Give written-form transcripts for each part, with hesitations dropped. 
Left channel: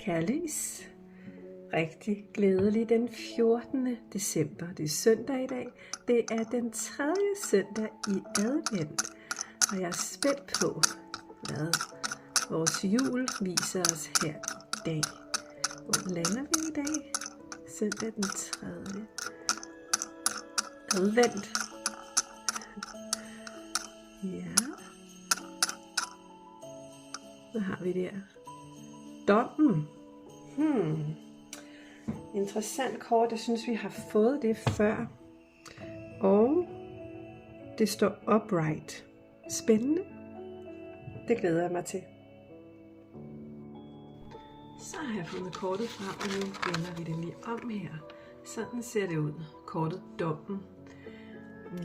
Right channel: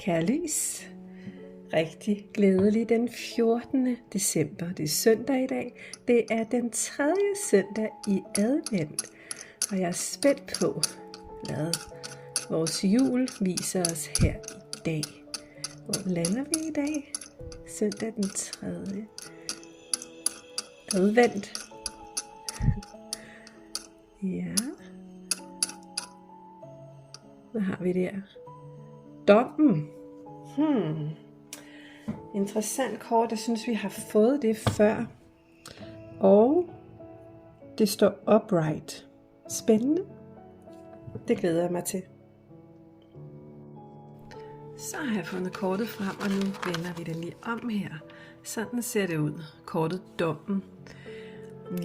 Kære lys, rigtig glædelig den 14. december. Det er søndag i dag. Det er den 3. søndag i advent. Og jeg er spændt på, hvad vores jul viser os her i dag. Hvor lander vi i dag? Søndag den 3. advent. Ja. Hvad har vi der? Dommen. Interessant kort. Jeg synes, vi har fået det før. Og det står upright. Spændende. Det glæder jeg mig til. Så har jeg fundet kortet frem, og nu vender vi det lige om her. Sådan ser det ud. Kortet Dommen.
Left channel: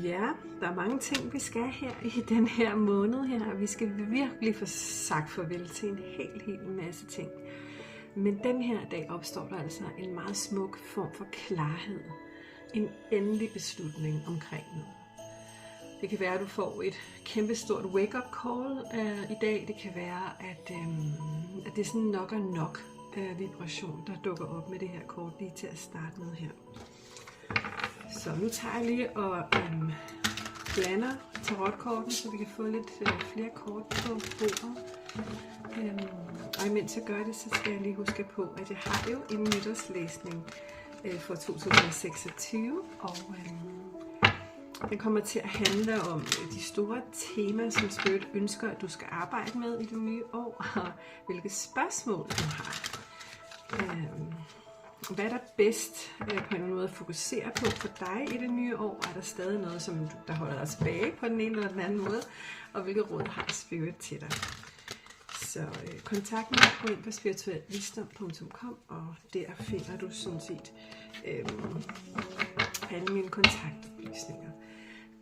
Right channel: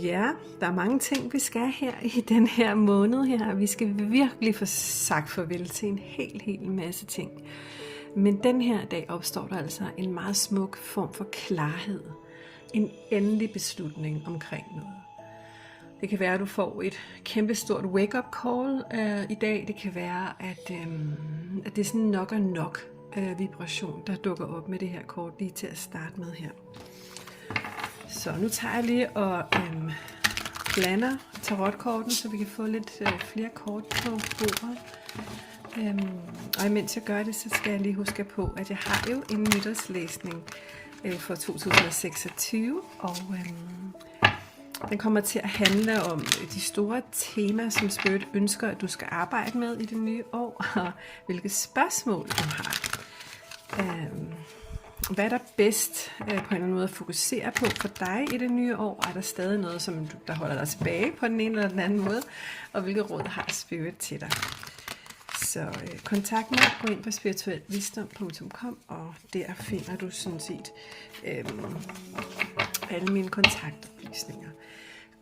Ja, der er mange ting, vi skal her i den her måned her. Vi skal virkelig få sagt farvel til en hel masse ting. Men den her dag opstår der altså en meget smuk form for klarhed. En endelig beslutning omkring noget. Det kan være, at du får et kæmpestort wake-up call i dag. Det kan være, at det er sådan nok og nok vibration, der dukker op med det her kort lige til at starte med her. Så nu tager jeg lige og blander tarotkorten, så vi kan få lidt flere kort på bordet. Og imens jeg gør det, så skal jeg lige huske på, at jeg har jo en nytårslæsning for 2026, og den kommer til at handle om de store temaer, som Spirit ønsker, at du skal arbejde med i det nye år, og hvilke spørgsmål du har. Hvad er der bedst på en eller anden måde at fokusere på for dig i det nye år? Er der stadig noget, der holder dig tilbage på den ene eller den anden måde? Og hvilke råd har Spirit til dig? Så kontakt mig, gå ind på spirituelvisdom.com, og der finder du sådan set alle mine kontaktoplysninger.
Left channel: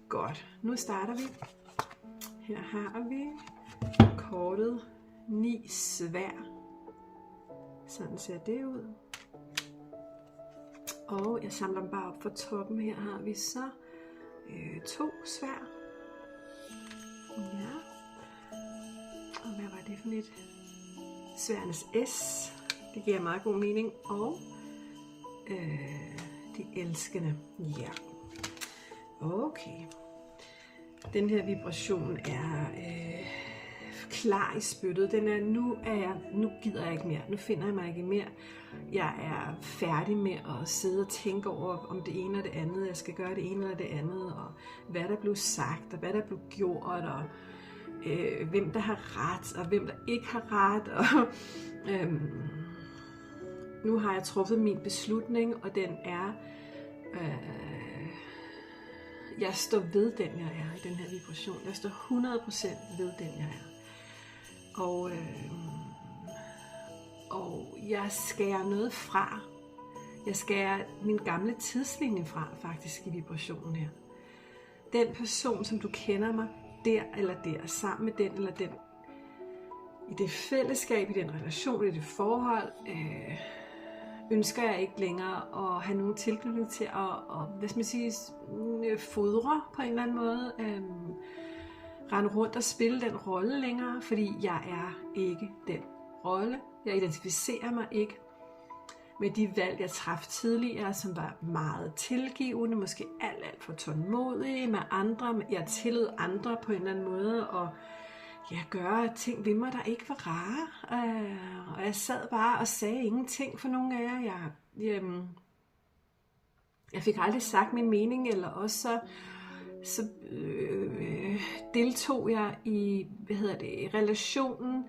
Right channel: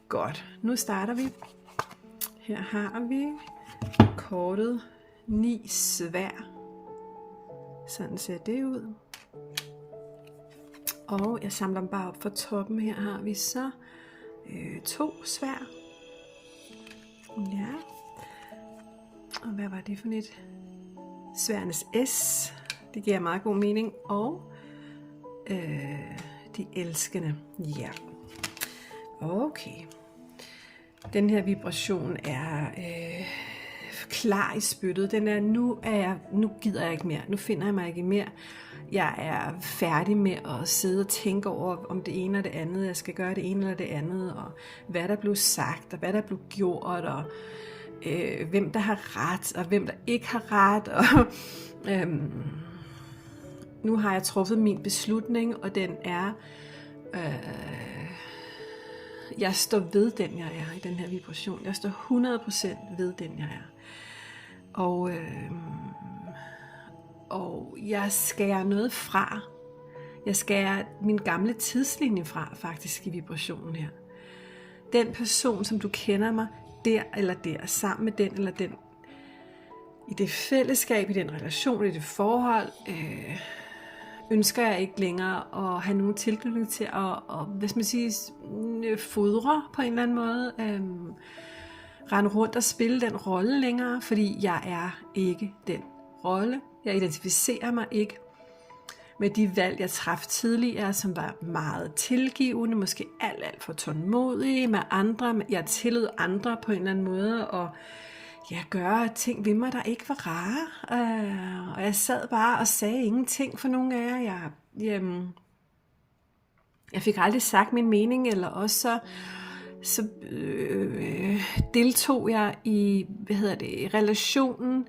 Godt, nu starter vi. Her har vi kortet 9 svær. Sådan ser det ud. Og jeg samler dem bare op fra toppen. Her har vi så 2 svær. Ja. Og hvad var det for et? Sværnes S. Det giver meget god mening. Og de elskende. Ja. Okay. Den her vibration er klar i spyttet. Den er, nu gider jeg ikke mere. Nu finder jeg mig ikke mere. Jeg er færdig med at sidde og tænke over, om det ene og det andet. Jeg skal gøre det ene eller det andet. Og hvad der blev sagt, og hvad der blev gjort, og hvem der har ret, og hvem der ikke har ret. Og, nu har jeg truffet min beslutning, og den er... jeg står ved den, jeg er i den her vibration. Jeg står 100% ved den, jeg er. Og jeg skærer noget fra. Jeg skærer min gamle tidslinje fra, faktisk, i vibrationen her. Den person, som du kender mig, der eller der, sammen med den eller den, i det fællesskab, i den relation, i det forhold, ønsker jeg ikke længere at have nogen tilknytning til at hvad skal man sige, fodre på en eller anden måde, rende rundt og spille den rolle længere, fordi jeg er ikke den rolle. Jeg identificerer mig ikke med de valg, jeg traf tidligere, som var meget tilgivende, måske alt for tålmodige med andre. Jeg tillod andre på en eller anden måde og gøre ting ved mig, der ikke var rare. Og jeg sad bare og sagde ingenting for nogen af jer. Jeg fik aldrig sagt min mening, eller også så deltog jeg i relationen,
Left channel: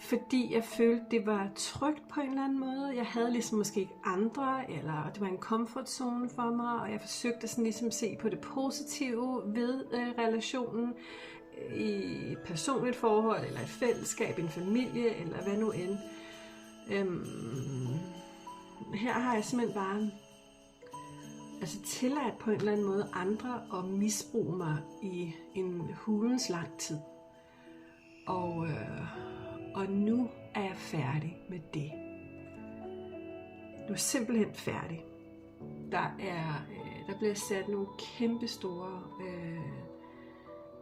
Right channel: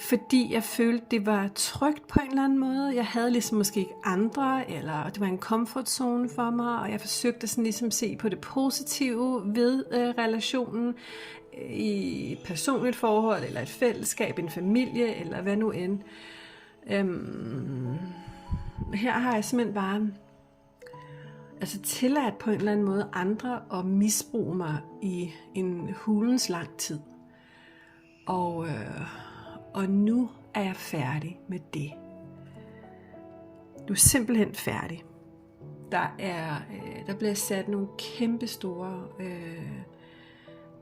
fordi jeg følte, det var trygt på en eller anden måde. Jeg havde ligesom måske ikke andre, eller det var en comfort zone for mig, og jeg forsøgte sådan ligesom se på det positive ved relationen i et personligt forhold, eller et fællesskab, en familie, eller hvad nu end. Her har jeg simpelthen bare tilladt på en eller anden måde andre at misbruge mig i en hulens lang tid. Og nu er jeg færdig med det. Du er simpelthen færdig. Der bliver sat nogle kæmpe store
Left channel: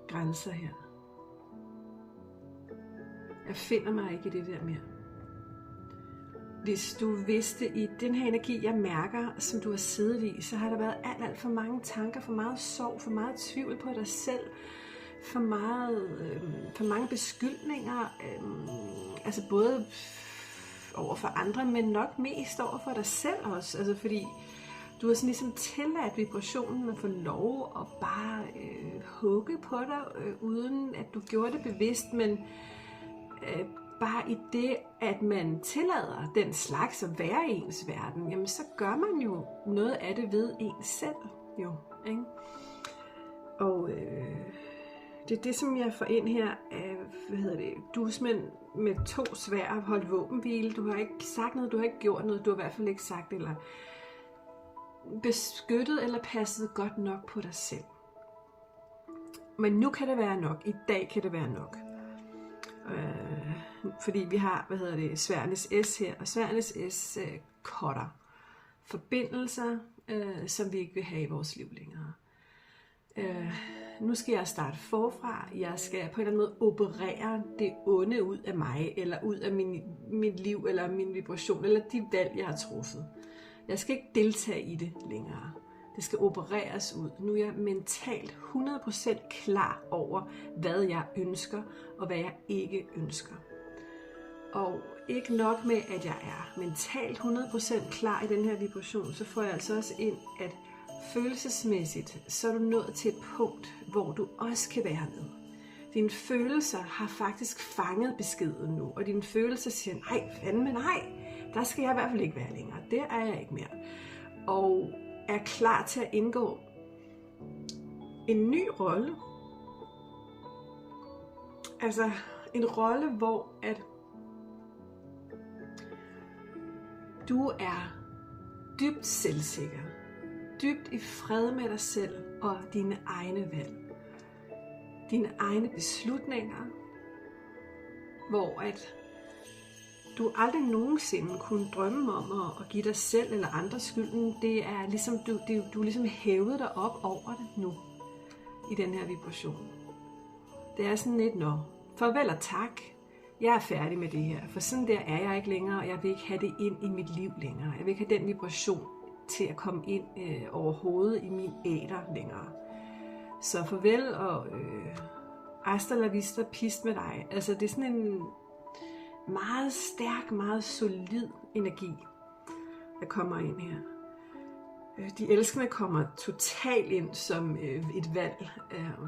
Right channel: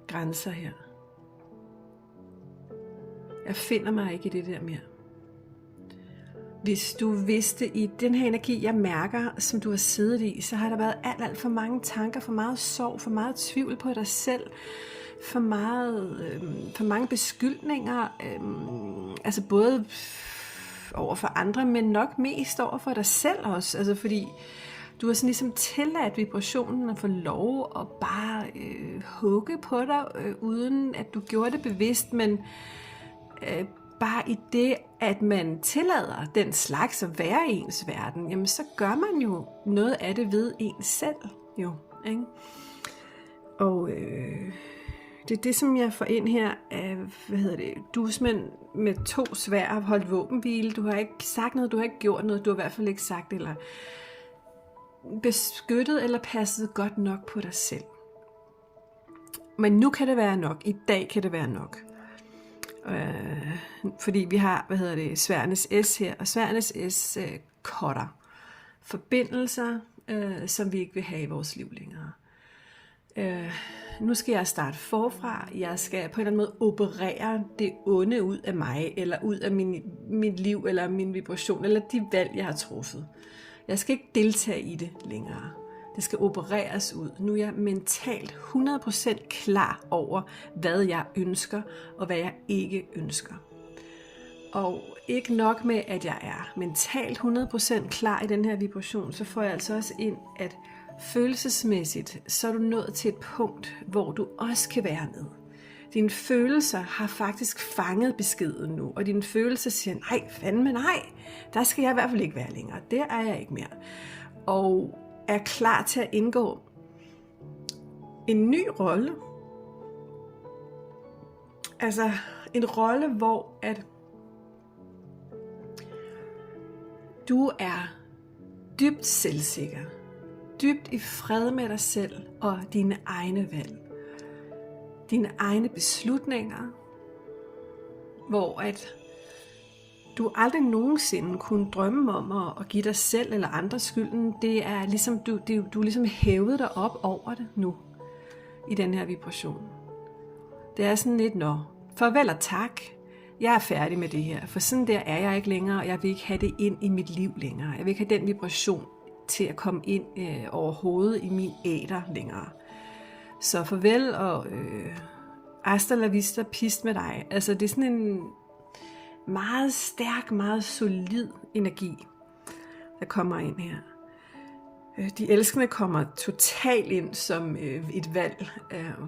grænser her. Jeg finder mig ikke i det der mere. Hvis du vidste i den her energi, jeg mærker, som du har siddet i, så har der været alt for mange tanker, for meget sorg, for meget tvivl på dig selv, for mange beskyldninger, altså både over for andre, men nok mest over for dig selv også, altså fordi du har sådan ligesom tilladt vibrationen at få lov at bare hugge på dig, uden at du gjorde det bevidst, men bare i det, at man tillader den slags at være i ens verden, jamen så gør man jo noget af det ved ens selv, jo, ikke? Og det er det, som jeg får ind her af, dusmænd med 2 sværd har holdt våbenhvile. Du har ikke sagt noget, du har ikke gjort noget, du har i hvert fald ikke sagt, eller beskyttet eller passet godt nok på dig selv. Men nu kan det være nok, i dag kan det være nok. Fordi vi har, sværdenes S her, og sværdenes S cutter forbindelser, som vi ikke vil have i vores liv længere. Nu skal jeg starte forfra. Jeg skal på en eller anden måde operere det onde ud af mig, eller ud af mit liv, eller min vibration, eller de valg, jeg har truffet. Jeg skal ikke deltage i det længere. Det skal opereres ud. Nu er jeg mentalt 100% klar over, hvad jeg ønsker, og hvad jeg ikke ønsker. Og ikke nok med, at jeg er mentalt 100% klar i den her vibration, så får jeg altså også ind, at følelsesmæssigt, så er du nået til et punkt, hvor du også kan være med. Dine følelser har faktisk fanget beskeden nu, og dine følelser siger, nej, fandme nej, der skal jeg i hvert fald ikke være længere. Der er jeg ikke mere. Og er klar til at indgå en ny rolle. Altså en rolle, hvor at du er dybt selvsikker, dybt i fred med dig selv og dine egne valg, dine egne beslutninger, hvor at du aldrig nogensinde kunne drømme om at give dig selv eller andre skylden. Det er ligesom, du ligesom hævet dig op over det nu, i den her vibration. Det er sådan lidt, farvel og tak, jeg er færdig med det her, for sådan der er jeg ikke længere, og jeg vil ikke have det ind i mit liv længere. Jeg vil ikke have den vibration til at komme ind overhovedet i min æter længere. Så farvel og hasta la vista, pist med dig. Altså det er sådan en meget stærk, meget solid energi, der kommer ind her. De elskende kommer totalt ind som et valg,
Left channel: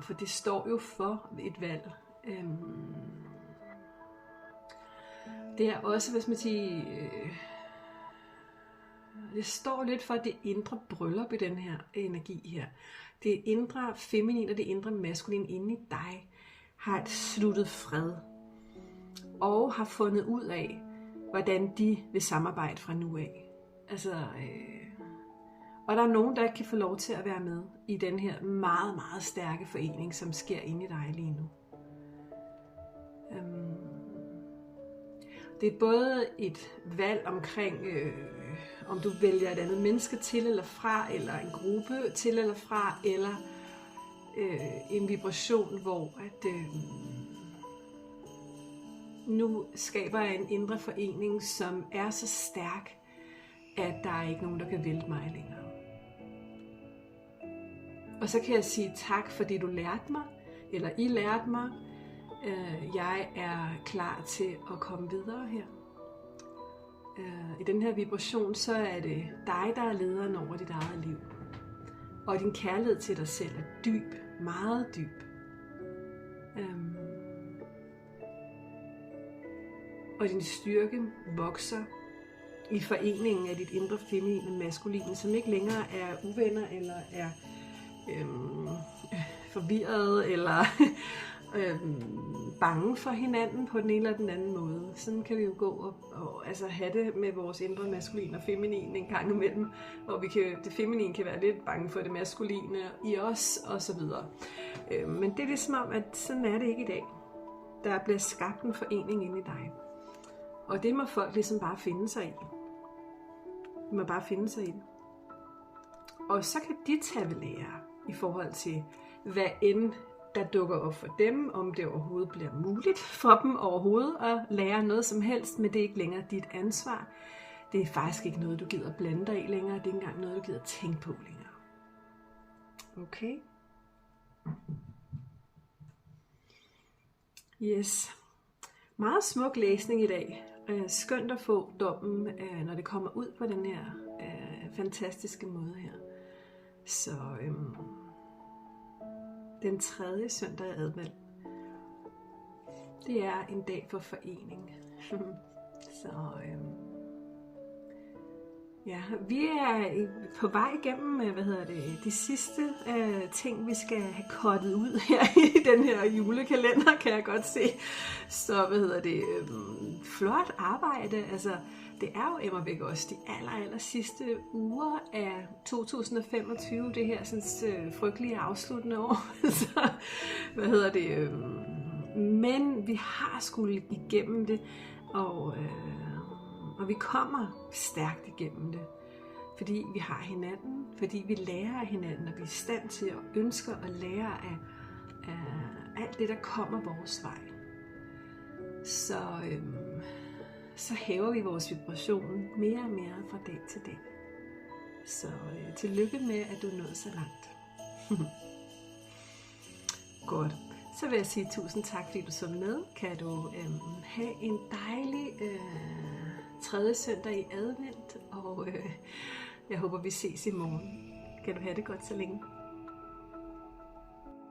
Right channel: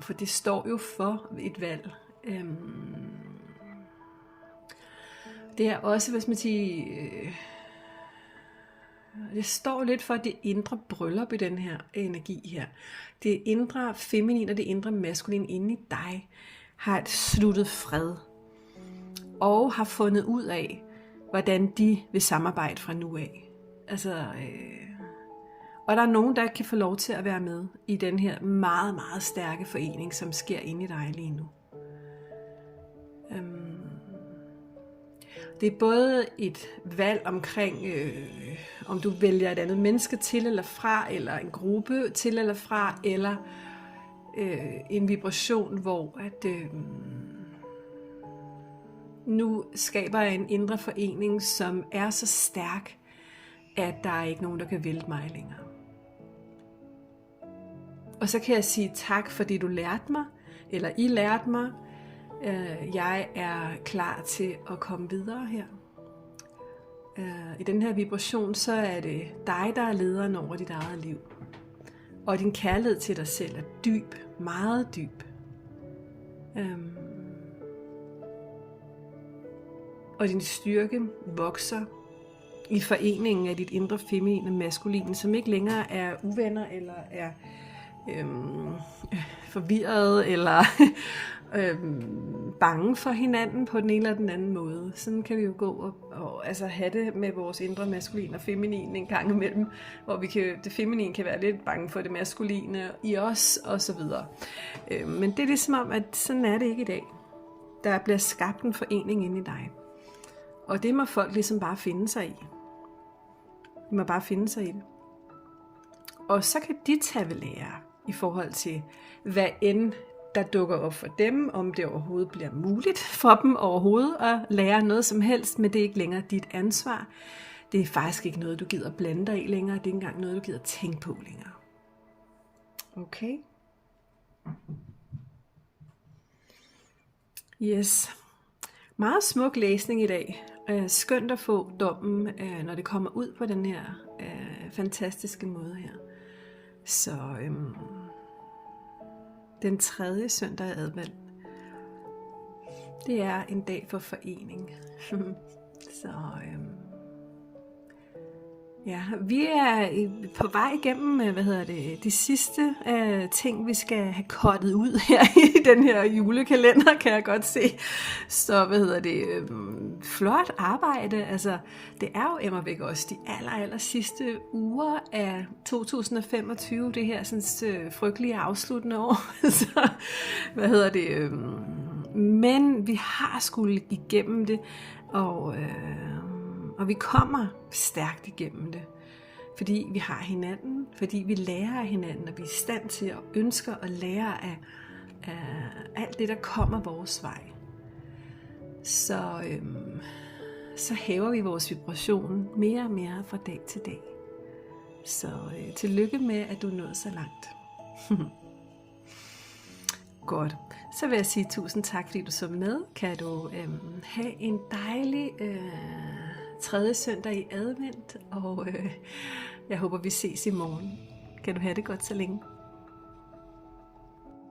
for det står jo for et valg. Det er også, hvis man siger, det står lidt for det indre bryllup i den her energi her. Det indre feminin og det indre maskulin inde i dig har et sluttet fred og har fundet ud af, hvordan de vil samarbejde fra nu af. Altså, og der er nogen, der kan få lov til at være med i den her meget, meget stærke forening, som sker inde i dig lige nu. Det er både et valg omkring, om du vælger et andet menneske til eller fra, eller en gruppe til eller fra, eller en vibration, hvor at nu skaber jeg en indre forening, som er så stærk, at der er ikke nogen, der kan vælte mig længere. Og så kan jeg sige tak, fordi du lærte mig, eller I lærte mig. Jeg er klar til at komme videre her. I den her vibration, så er det dig, der er lederen over dit eget liv. Og din kærlighed til dig selv er dyb, meget dyb. Og din styrke vokser i foreningen af dit indre feminine maskuline, som ikke længere er uvenner, eller er forvirret, eller bange for hinanden på den ene eller den anden måde. Sådan kan vi jo gå og altså have det med vores indre maskulin og feminin en gang imellem, hvor det feminine kan være lidt bange for det maskuline i os, og så videre. Men det er ligesom om, at sådan er det ikke i dag. Der bliver skabt en forening inde i dig. Og det må folk ligesom bare finde sig i. De må bare finde sig i det. Og så kan de tage ved lære i forhold til, hvad end der dukker op for dem, om det overhovedet bliver muligt for dem overhovedet at lære noget som helst, men det er ikke længere dit ansvar. Det er faktisk ikke noget, du gider blande dig i længere. Det er ikke engang noget, du gider tænke på længere. Okay? Yes. Meget smuk læsning i dag. Skønt at få dommen, når det kommer ud på den her fantastiske måde her. Så den 3. søndag i advent, det er en dag for forening. Så ja, vi er på vej igennem, de sidste ting, vi skal have cuttet ud her i den her julekalender, kan jeg godt se. Så flot arbejde. Altså, det er jo immervæk også de aller sidste uger af 2025, det her sådan frygtelige afsluttende år. Så, men vi har skulle igennem det, og vi kommer stærkt igennem det, fordi vi har hinanden, fordi vi lærer af hinanden, og vi er i stand til at ønske at lære af alt det, der kommer vores vej. Så hæver vi vores vibration mere og mere fra dag til dag. Så tillykke med, at du er nået så langt. Godt. Så vil jeg sige tusind tak, fordi du så med. Kan du have en dejlig 3. søndag i advent, og jeg håber, vi ses i morgen. Kan du have det godt så længe.